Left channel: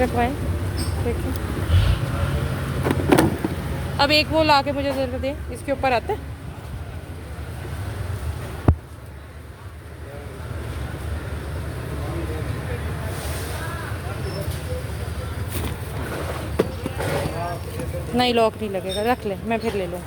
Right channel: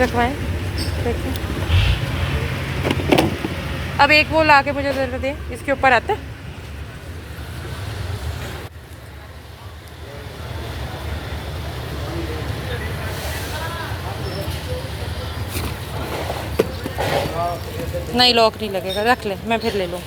रखवाएं, देखिए। अब एक वो ला के मुझे ज़रा दे, इसके ऊपर आता है। नहीं लॉक नहीं लगेगा, रख ले, मैं फिर ले लूँ।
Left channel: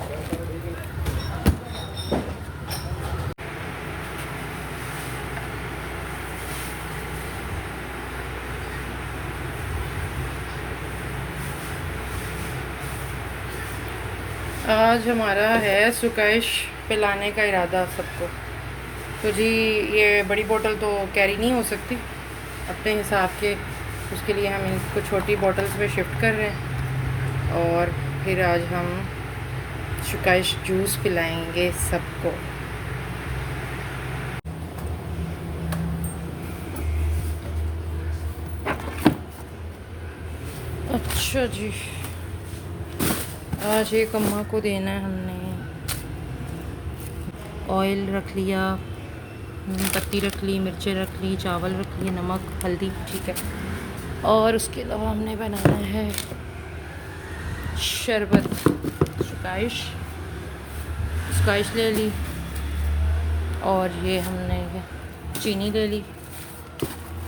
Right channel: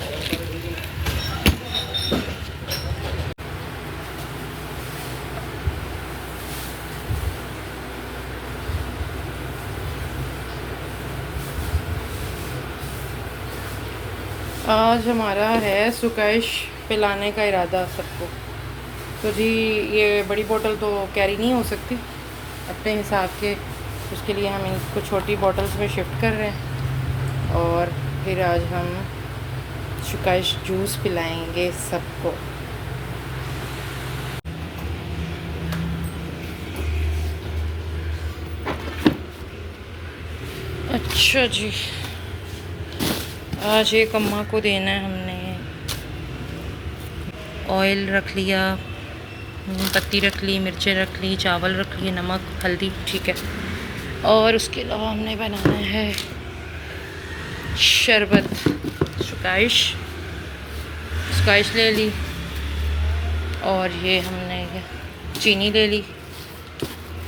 आज हमारा है सुकाइश पिलाने का इरादा सबको। तो जी ये बड़ी बोतल तो कैरी नहीं हो सकती अपने हिसाब के, उसके लिए हम इनको छोटी बोतल्स में शिफ्ट कर रहे हैं। और फिर आज हम सुकाइश जूस पिलाएंगे सबको। अच्छा जी, आज एक अम्मा को देना है हमने। ऑयल रख लिया, पत्ती रख ली, मिर्चें रख ली, चावल रख लिए, नमक हल्दी, ठीक है। और उसके अलावा हमने बनाना है शरबत, सुकाइश ले ली। और ये हमने चीनी ले ली,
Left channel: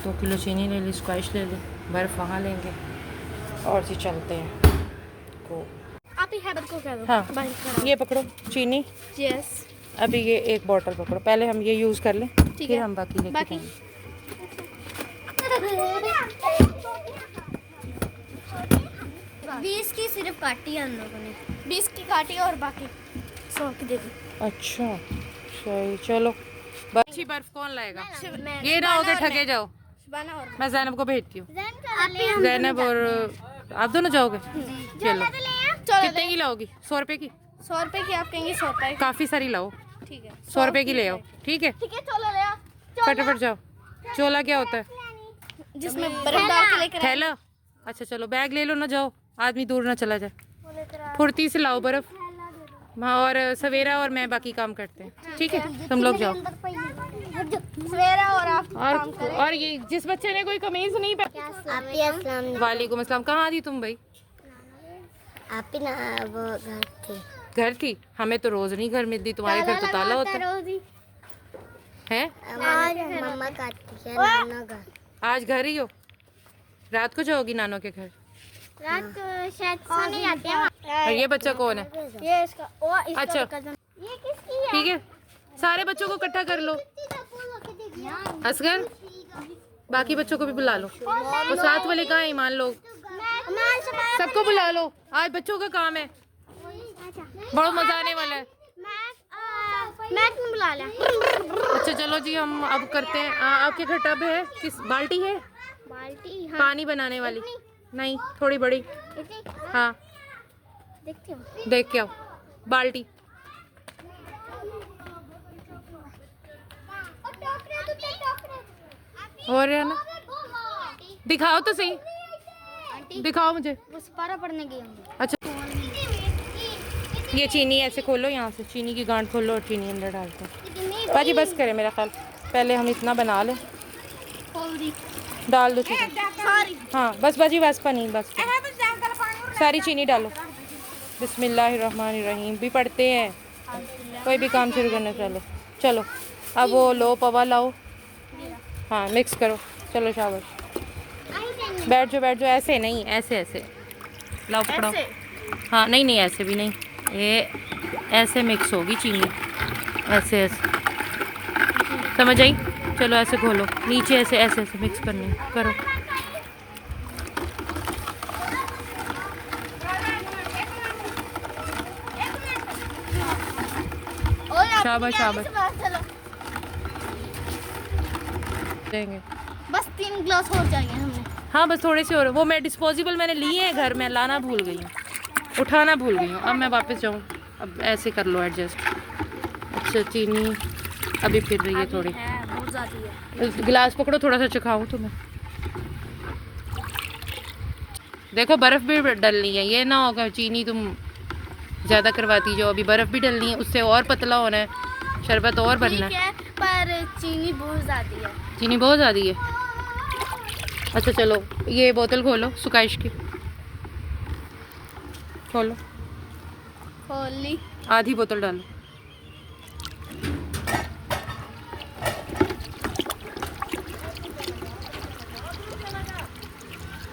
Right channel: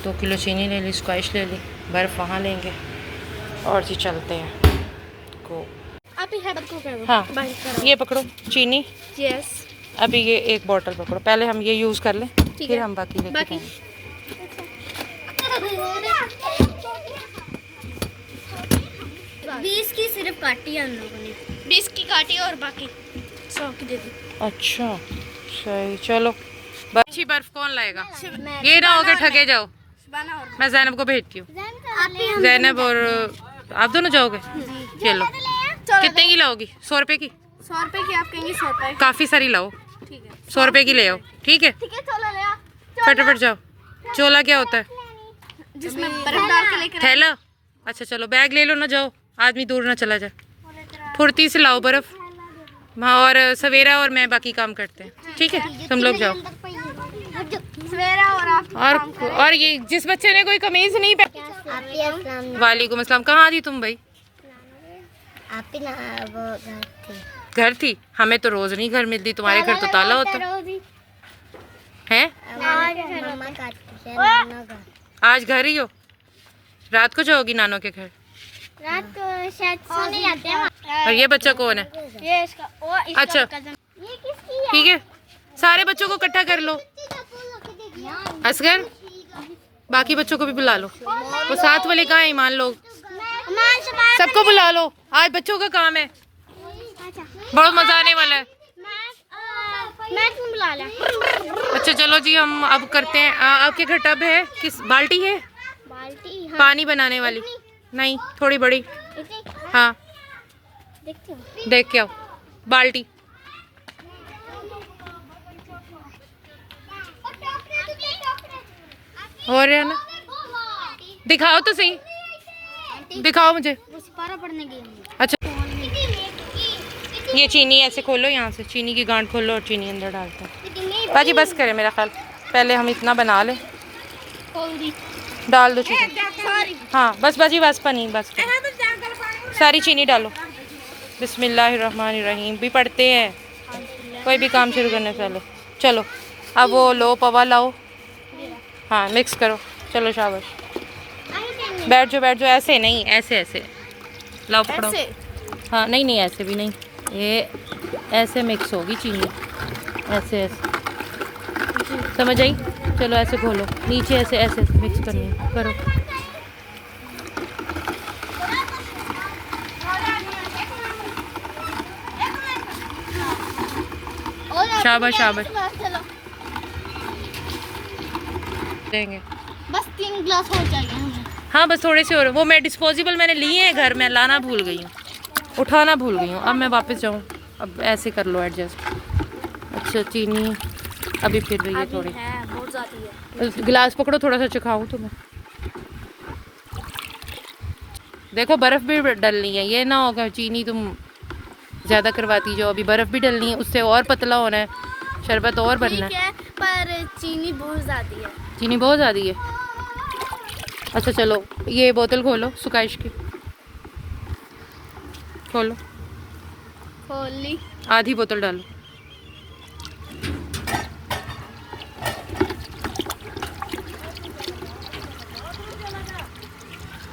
2 किलो चीनी ले ली, सुकाइश ले ली, बर्फ़ वहाँ लेंगे और जी चलते हैं को। आप ही शरबत को क्या हाँ ये पकड़ो चीनी। यस। अभी ये एक बोतल पकड़ो, पहले हम ये यूज़ कर लें, फिर हम बाकी लेके जाएंगे। 20 की सिर्फ काटी है हम लोगों ने, 20 की काटी और बाकी 100 की दे दी। अच्छा सही, चलो। अच्छी बर्फ कौन लाएगा? ये ना हो के ठगे जाओ। मैं जैनब को भेजती हूँ। जैनब और आप दोनों जाओगे? चलो। कितने की लाओगी? 100 रुपए की? 100 रुपए की आप कहेंगे 100 रुपए। काफ़ी सारी लाओ, ठीक है 100 रुपए की ले आओ, ठीक है? ठीक है चलो ले आओ। फटाफट जाओ। चोला क्या होता है? जिसमें बर्फ डाल के लेकर थैला। अच्छा चलो बैग ले लो ना, जाओ, आदमी दूर ना चला जाए। फुर्ती से लाओ बर्फ। हाँ और सवेरा और मैं बाकी काम करते हैं, ठीक है? तुम लोग जाओ। सवेरा और आप और ये जिस बच्चे ने कोई कमीज नहीं पहनी। वालेकुम अस्सलाम। कहाँ थी तुम भाई? आप ना वो घर थी। हमें तो रोज नहीं घर मिलती, तुम्हारे घर तो ताला होता है। मम्मा काटती है नाना का। आज घर ही हो? रात को जाओगी नानों के घर? रात को शायद सोने जाते हैं। और ये बच्चा कौन है? ये इसका अच्छा ये किसकी है? ठीक है, सारे बच्चों को इकट्ठा कर लो। असगर बाकी बच्चों को भी बुला लो। वो साथ वाले कहाँ हैं? ईमान लोग सबको बुला लो, आज बच्चों का काम है, बहुत मजा आने वाला है। मैं क्यों बुला लिया? अच्छा चलो जी, हम अब करते हैं। आपके घर टब है? किस बाल्टी है? बाल्टी हाँ। पानी बनाने वाली? नहीं थोड़ी बड़ी। हाँ देखते हो? देख के आओ बाल्टी। और है ना, दिखाओ तो सही, दिखाओ मुझे। वो सिपारा पढ़ने गए होंगे। अच्छा ये चीनी ऐसे खोलो, यहाँ से चीनी की गांठ खोलो और चीनी अंदर डालते हैं। बाजी बस करें मेरा ख्याल, पहले हम इतना बना लें। डाल दो चीनी। हाँ बस बाजी वास्पा नहीं, बस सारी चीनी डालो। बिस्मिल्लाहिर्रहमानिर्रहीम भी पढ़ते हैं कोई भी काम शुरू करने से पहले। चलो अब वो लो पवा लाओ, हाँ मिक्स करो। चलो शाबाश, बैठ जाओ, ऐसे नहीं, ऐसे ऐसे लाओ, पकड़ो। हाँ नहीं नहीं ऐसे भी नहीं, ये ऐसे मिक्स होगी चीनी, ऐसे ऐसे, समझ आई? चलो ऐसे घोलो, नीचे ऐसे ऐसे ऐसे मिक्स करनी करो। शाबाश शाबाश देंगे। बस 3 गिलास हो जाएंगे हमें। हाँ बस थोड़े से और। वो मैं डिस्पोजेबल मैंने लिए हैं घर में, लाना भूल गई हूँ, उठाना भूल गई हूँ। अब मैं वापस जाऊँ, अब ऐसे कर लो एडजस्ट। अच्छा चीनी अभी फिर रही है थोड़ी, गिलास पकड़ो, थोड़ा सा चखाऊँ तुम्हें। देखो बर्फ़ भी डलनी है, ये ना होगा चीनी तुम ज़्यादा करवाती जाओ। अभी बर्फ़ भी डलनी है, उससे और पतला होना है, शरबत और बनना है। पर चीनी बहुत ज़्यादा है। चीनी बहुत ज़्यादा है? अच्छा चलो, ये बोतल खोलो सुकाइश की, खोलो, खोल ली। आधी बोतल डालो।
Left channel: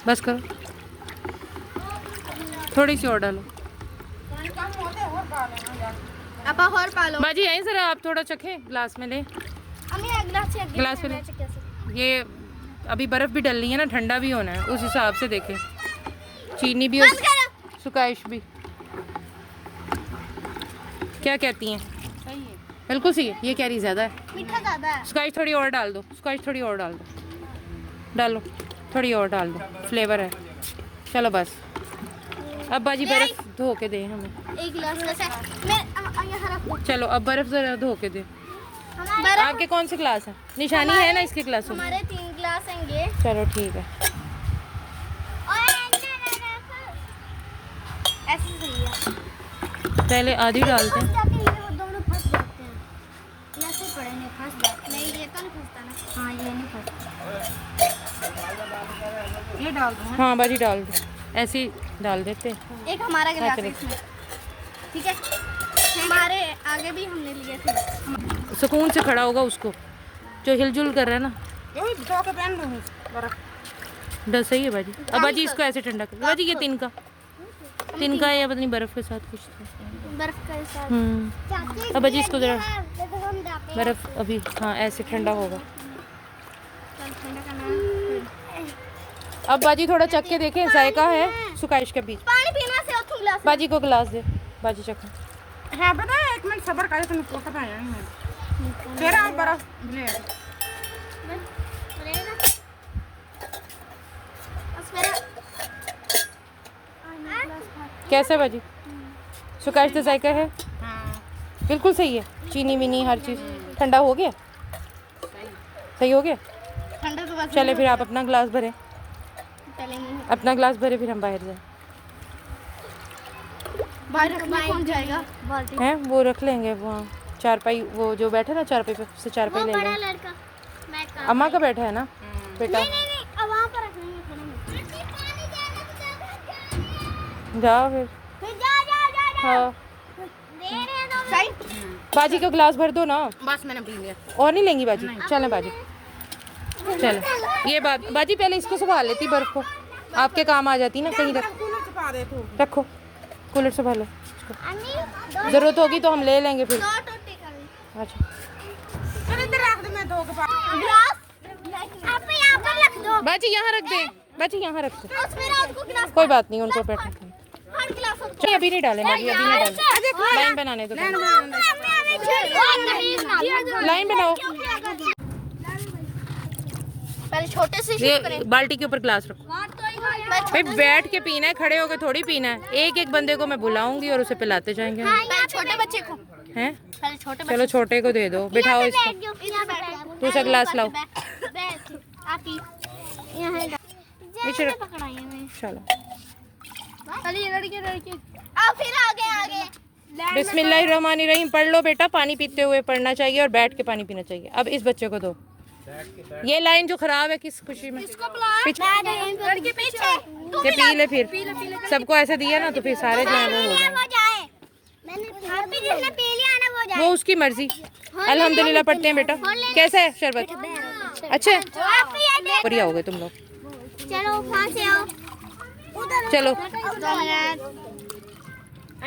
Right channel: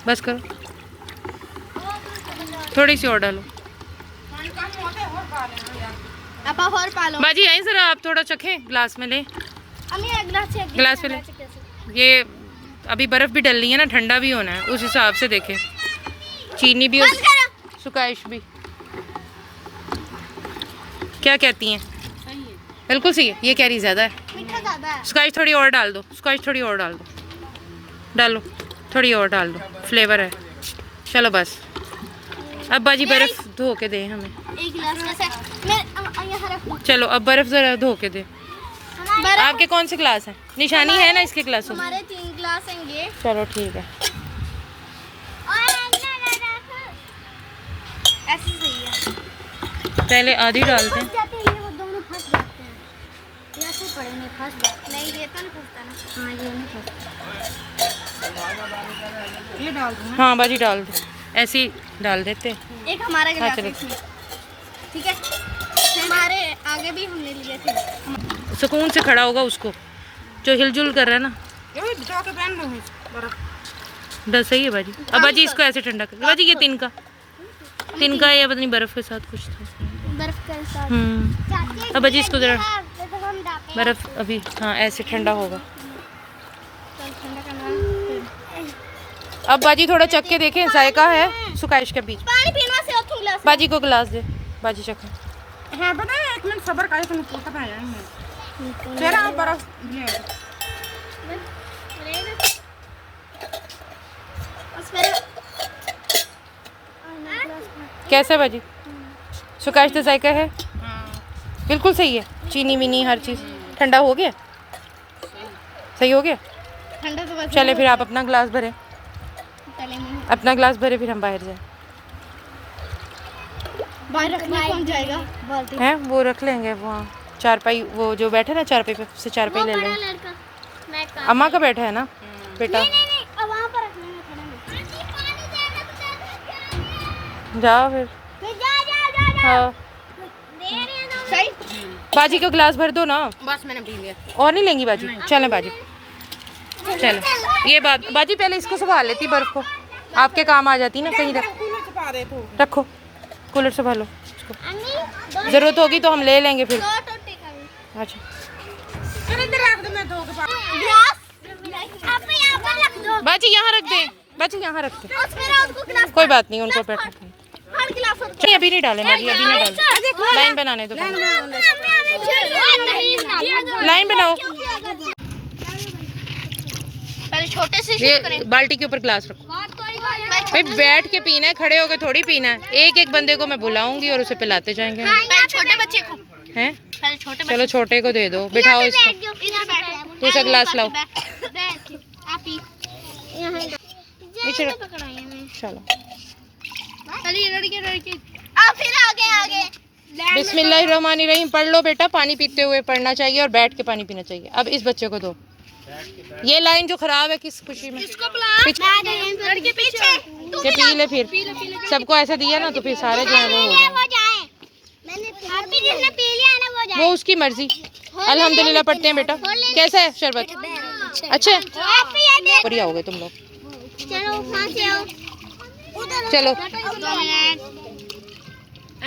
बस करो, थोड़ी सी और डालो। अपा और पालो। बाजी यहीं जरा आप थोड़ा चखें, ग्लास में ले, ग्लास में ले। ये अभी बर्फ़ भी डलनी है ना, ठंडा भी होना है, उस हिसाब से देखें। चीनी भी, सुकाइश भी। क्या कहती हैं? बिल्कुल सही है। ये कैरी ज़्यादा है, मीठा ज़्यादा है। सुकाइश थोड़ी और डाल दो, सुकाइश थोड़ी और डाल दो, डालो थोड़ी और डाल दो, फ्लेवर है। चलो बस, अब बाजी बर्फ़ धो के दे हमें। एक गिलास ऐसा मैं यहाँ रख दूँ। चलो अब बर्फ़ ज़रा धो के दे। आपके कौन से क्लास हैं? निशानी है ना इसके क्लासों में? हमारे 3 गिलास होंगे। चलो ठीक है। ऐसे सही है। पहले आधी डालते हैं। जाते हैं वो दोनों फंस जाते हैं। ये ऐसे पड़े नहीं फंस जाते। नहीं ये तो नहीं फंसता ना। हाँ ये नहीं फंसता। ये डाल दूँ? हाँ बाजी डाल दो, ऐसे ही डाल देते हैं। एक हमारा गिलास चलो। है इसमें। ठीक है। हमारे आगे भी हमने लिए थे। सुकून से खड़ा होगा उसको, जो हिलजुल कर रहा है ना। ये भिगो के पहन दूँ बर्फ। बस सही है बाजी। अब बाजी इसको ऐसे ठंडा कर बाजी। ये तिनका है या पता नहीं बर्फ़ के साथ कुछ था। बर्फ के साथ। अब बाजी इसको ज़रा बर्फ़ अभी, हाँ ऐसे ठंडा होगा। अब बाजी थोड़ा चख के देखें, जायका है सुकाइश के बीच। पानी पीना से और गिलास। बाजी को गिलास दे, बाजी चखें। हाँ पता है, 1 मिनट सब्र करे, तुम पोता पे आएंगे। तेरा आप बर्फ ले। कैसा बाजी? सुकाइश तो जायका है, हाँ बिल्कुल सही है। चीनी वीनी हर चीज़ ठंडा हो गया, सही हो गया। ठंडा तो बस चले फिर आप अपना गिलास भरें, पहले नहीं है। अपना गिलास भरे, फिर हम बाहर जाएं। बाहर रखने कौन जाएगा? बाल्टी। हैं वो रख लेंगे वहाँ चारपाई, वो जो बैठे ना चारपाई पे, उससे चारपाई ले लेंगे। लड़का मैं का अम्मा का बैठा है ना बेटा, नहीं अब वहां पर रखने में खड़े में। जाओ फिर। जा हाँ दे रहे हैं सही। बाजी को गिलास भर दो ना, बस मैंने पी लिया। और नहीं लेंगी बाजी? चलें बाजी, चलें। ये बात बाजी पहले इसको संभाल लेती, बर्फ़ को आपके काम आ जाती ना कहीं। छुपा दे तू। रखो, कूलर संभालो इसको, ज़रूरत होगी तो हम ले लेंगे फिर। दो टोटे का भी। अच्छा चल इधर रख दे, मैं दो के पास। गिलास आप यहाँ पर रख दो। बाजी यहाँ रख दें, बाजी यहाँ रख दें, उसमें रात को गिलास कोई बात नहीं, उनको बैठा दें। हर गिलास और नहीं अभी नहीं डालें बाजी, अभी नहीं डालें, लाइन बनाने दो पहले। लाइन बनाओ। पहले छोटे से शुरू ये करें। बाल्टी के ऊपर ग्लास रखो। भाई बैठ के पीना है, खड़े होके थोड़ी पीना है। एक एक बंदे को मैं बुलाऊंगी और उसे पिलाते जाएंगे। पहले छोटे बच्चे को। हैं? पहले छोटे चलो छोटे को दे दो, बिठाओ इसको। इधर बैठ। दूसरा गिलास लाओ। बैठ आप ही। नीचे रख। पकड़ाइए मैं। चलो पहले ये लड़के आप फिर आगे आगे। बिस्मिल्लाहिर्रहमानिर्रहीम पढ़ लो बेटा। पानी पीते हुए पढ़ना चाहिए और बैठ के पानी पीना चाहिए। अब इस बच्चे को दो ये लाइन जो खराब है, किस खुशी में लड़के पीछे। ये पी ले। फिर सबको ऐसा दिया ना तो फिर सारे जो है वो हो जाए। जिसने पी लिया ना वो जाए। वो उसकी मर्जी। अल्हम्दुलिल्लाह पढ़ते हैं बेटा। कैसा है शरबत? अच्छा है? बढ़िया हो गए तुम लोग। चलो वहाँ से आओ। चलो 2 मिनट।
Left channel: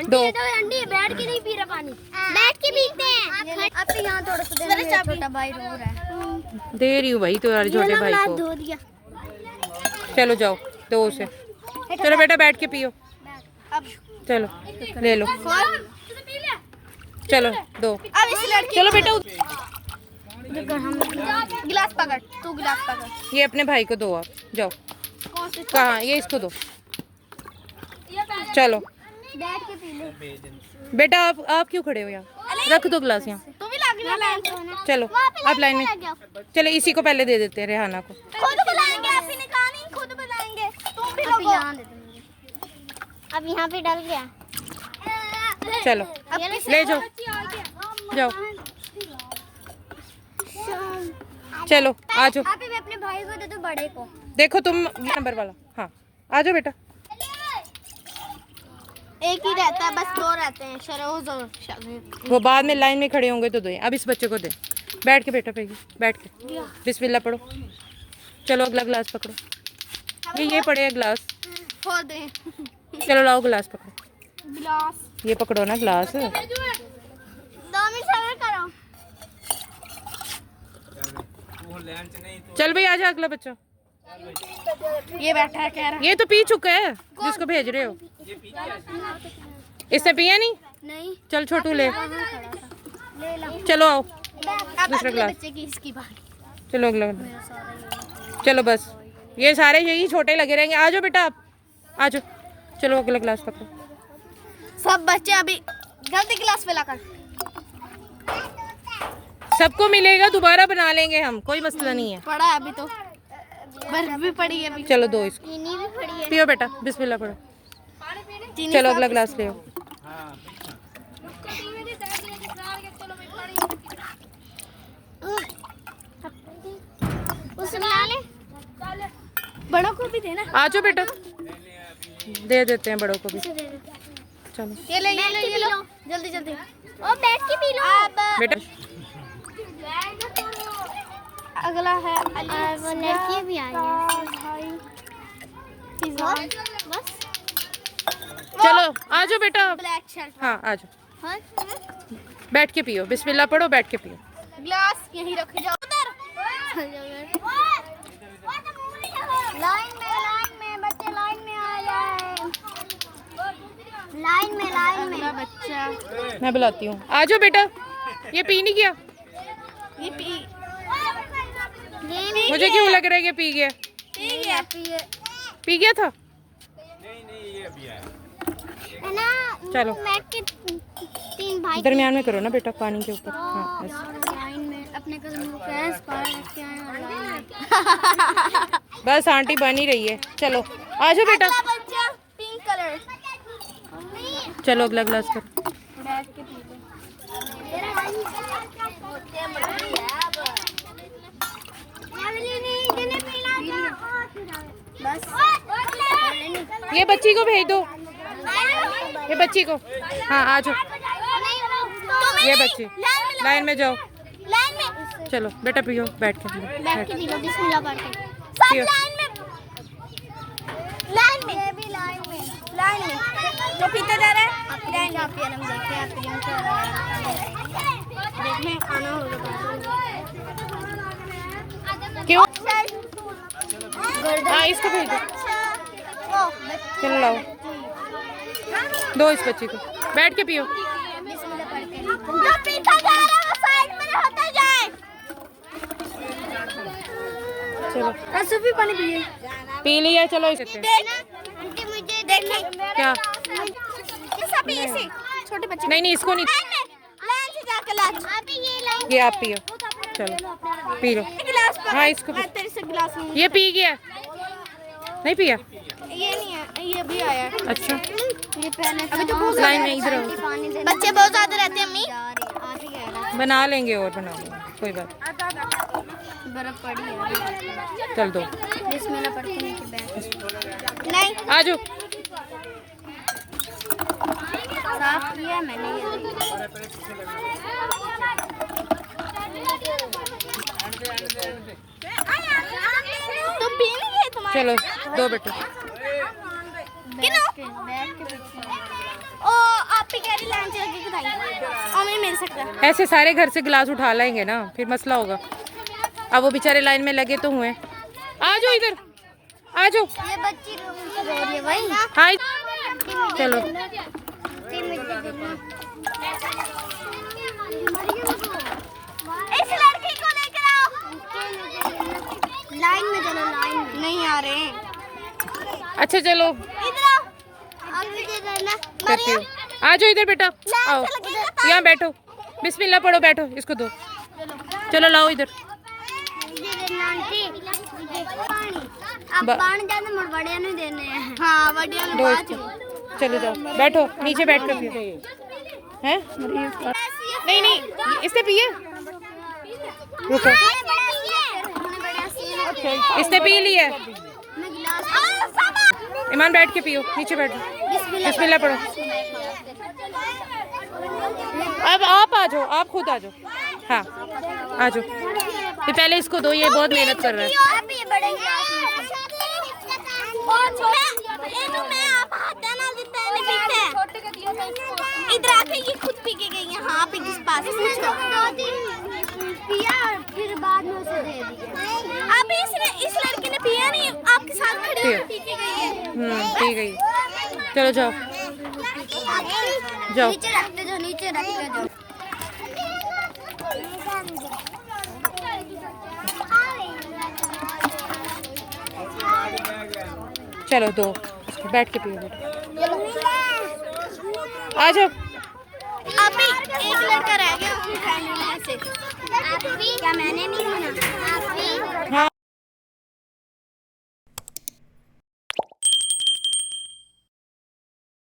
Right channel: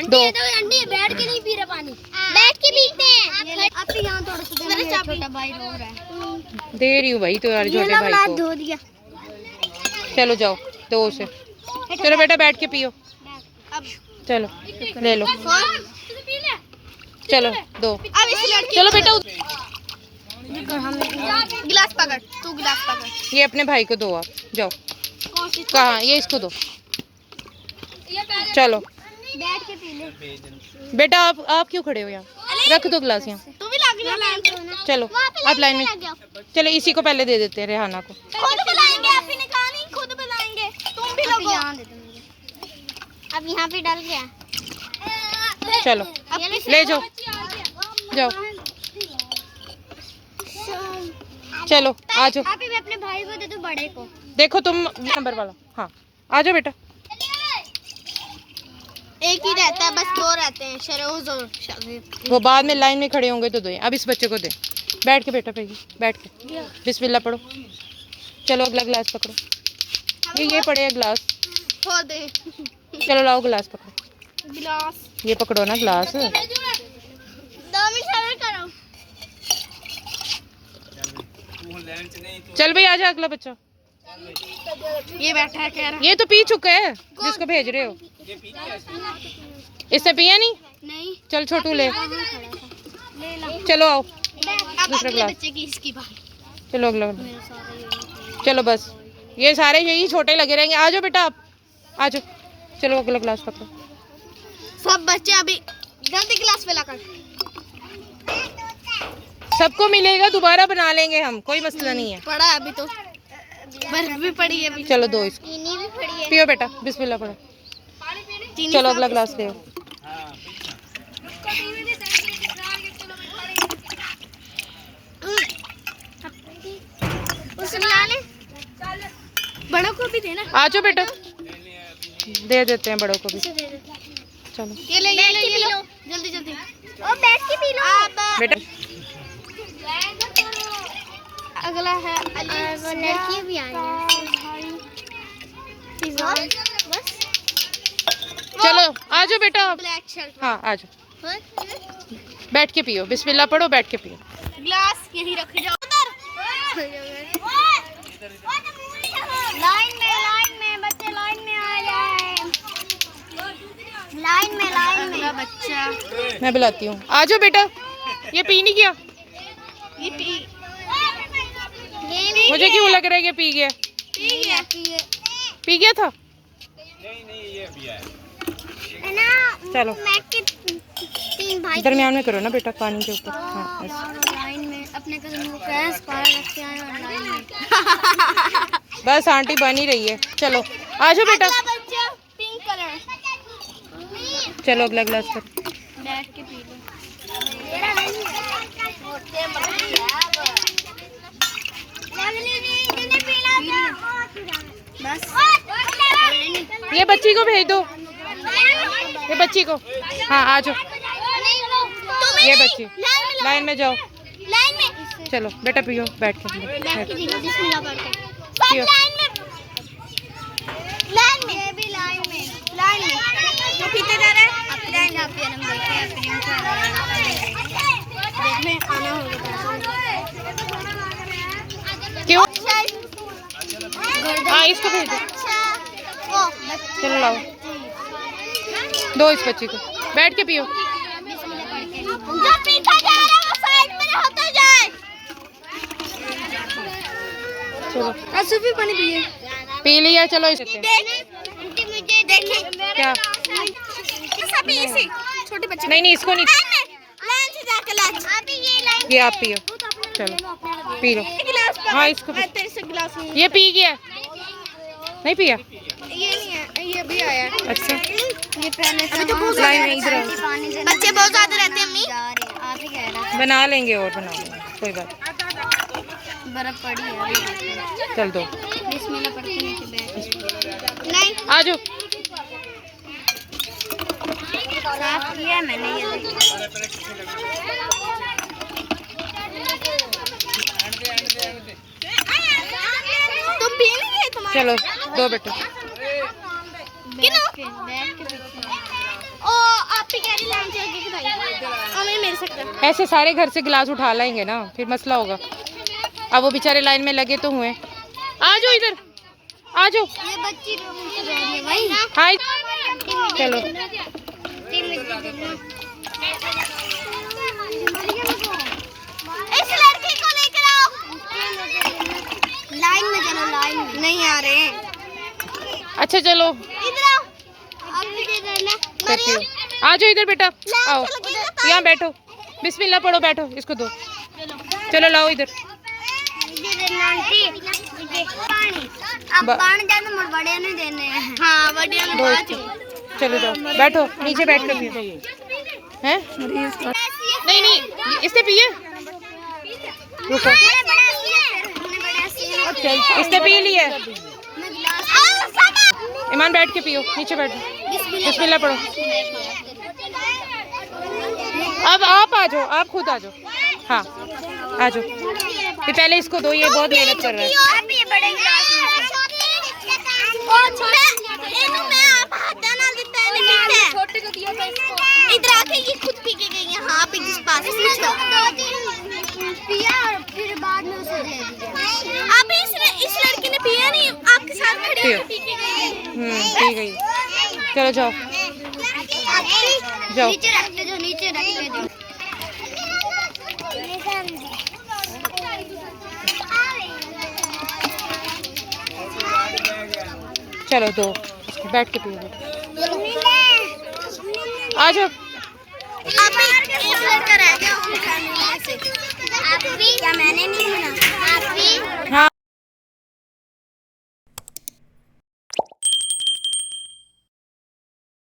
दो। आंटी बैठ के नहीं पी रहा पानी। बैठ के पीते हैं। अब तो यहाँ थोड़ा सा छोटा भाई रो रहा है। दे रही हूँ भाई तो यार छोटे भाई को। धो दिया। चलो जाओ दो उसे। चलो बेटा बैठ के पियो। चलो ले लो। चलो दो। अब इस लड़के चलो बेटा गिलास पकड़। तू गिलास पकड़। ये अपने भाई को दो, आप जाओ। कहाँ? ये इसको दो। चलो बैठ के पी ले। बेटा आप क्यों खड़े हो यहाँ? रख दो गिलास यहाँ। तू भी लग जा। चलो आप लाइन में। चलो इसी को पहले दे देते हैं, रेहाना को। खुद पिलाएंगे। आप ही ने कहा नहीं खुद पिलाएंगे। तुम भी लोगो। अब यहाँ पे डल गया। चलो ले जाओ जाओ। चलो आ जाओ। आप ही अपने भाई को दे दो बड़े को। देखो तुम नंबर वाला। हाँ आ जाओ बेटा। एक ही रहता है, बस 2 रहते हैं, शरोज और शाबिब। वो बाद में लाइन में खड़े होंगे तो दो। अब इस बच्चे को दे। बैठ के बेटा पे बैठ के बिस्मिल्लाह पढ़ो। चलो अगला गिलास पकड़ो। ये पड़े गिलास। हो दे चलो लाओ गिलास पकड़ो। गिलास ये पकड़ो ना गिलास। दामी शाबिब करो। चल भाई आजा अगला बच्चा। ये बैठा है कह रहा। ये तो पी चुका है जिसको भेज रहे हो। इसने पिया नहीं। चल छोटू ले। चलो आओ दूसरा गिलास। बच्चे की इसकी बात। चलो अगला। चलो बस ये सारे यही छोटे लगे रहेंगे। आ जाओ बेटा आप आ जाओ। चलो अगला गिलास पकड़ो। सब बच्चे अभी जल्दी गिलास पे लाकर। सबको मिलेगा, दोबारा बना लेंगे हम, कोई मसला नहीं है। पड़ा अभी तो बर्फ भी पड़ी है अभी। चलो दो इसको। चीनी भी पड़ी है। पियो बेटा बिस्मिल्लाह पढ़ो। चीनी चलो अगला गिलास ले। बड़ों को भी देना। आ जाओ बेटा दे देते हैं बड़ों को भी। चलो ये लो जल्दी जल्दी। ओ बैठ के पी लो बेटा। अगला है लड़की भी आई है। चलो आ जाओ बेटा। Black shirt. हाँ आ जाओ। बैठ के पियो बिस्मिल्लाह पढ़ो। बैठ के पियो। ग्लास यही रख जाओ। लाइन में बच्चे लाइन में आ जाए। लाइन में बच्चा। मैं बुलाती हूँ। आ जाओ बेटा। ये पी नहीं गया। ये पी मुझे क्यों लग रहा है कि पी गया। पी गया था। चलो दरमियान में करो ना बेटा पानी के ऊपर। हाँ ऐसे। लाइन में अपने कदम को प्रेस पार रख के आए और लाइन में। बस आंटी बन ही रही है। चलो आ जाओ बेटा। बच्चा पिंक कलर। चलो अगला गिलास कर। बैठ के पी लो। बस ये बच्ची को भेज दो। ये बच्ची को। हाँ आ जाओ। ये बच्ची लाइन में जाओ। चलो बेटा पियो बैठ के बैठ। पियो। जो पीते जा रहे हैं देखने आना होगा। क्यों। हाँ इसको भेज दो। चलो लाओ दो इस बच्ची को। बैठ के पियो। जो पीछे जा रहे हैं वो साइड में होता जाए। चलो ऐसे भी पानी पिए। पी लिया। चलो इसे आंटी मुझे देखना क्या। सभी ऐसे छोटे बच्चे। नहीं इसको नहीं। लाइन से जाके लाइन। अभी ये लाइन। ये आप पियो। चलो पी लो। हाँ इसको भी। तेरे से गिलास में। ये पी गया। नहीं पिया। ये नहीं है, ये भी आया है। अच्छा ये पहले से लाइन में इधर आओ। बच्चे बहुत ज्यादा रहते हैं। अम्मी आप ही कह रहा बना लेंगे और बना लेंगे कोई बात। बर्फ पड़ी है। चल दो। बिस्मिल्लाह पढ़ के नीचे बैठ। नहीं आ जाओ। साफ किया मैंने ये। तुम पी नहीं गए तुम्हारे। चलो दो बेटे। ओ आप ही कह रही लाइन से लगी बताइए। मेरे से ऐसे सारे घर से गिलास उठा लाएंगे ना फिर मसला होगा। अब वो बेचारे लाइन में लगे तो हुए। आ जाओ इधर आ जाओ। ये बच्ची भाई। हाँ चलो इस लड़की को लेकर आओ। लाइन में चलो। लाइन में नहीं आ रहे हैं। अच्छा चलो इधर आओ। करती हो। आ जाओ इधर बेटा आओ। यहाँ बैठो बिस्मिल्लाह पढ़ो। बैठो इसको दो। चलो लाओ इधर। अब पानी जाने मुड़ बड़े नहीं देने हैं। हाँ बड़े दो इसको। चलो जाओ बैठो नीचे बैठ कर पियो। हैं नहीं इससे पिए। रुको इसने पी ली है। मैं गिलास ईमान बैठ के पियो, नीचे बैठ जाओ। बिस्मिल्लाह पढ़ो। अब आप आ जाओ, आप खुद आ जाओ। हाँ आ जाओ। ये पहले इसको दो, ये बहुत मेहनत कर रहा है। आप ये बड़े गिलास में मैं आप हाथ ना देता है नहीं छोटे को दिया इधर आके ये खुद पी के गई है। हाँ आप इस पास पूछो पिया और फिर बाद में उसे दे दिया। आप इस लड़की ने पिया नहीं, आपके साथ खड़ी होकर पी के गई है। पी गई। चलो जाओ जाओ। नीचे रख दे जो, नीचे रख दे जो। चलो दो, बैठ के पियो। आ जाओ। अभी एक लड़का रह गया।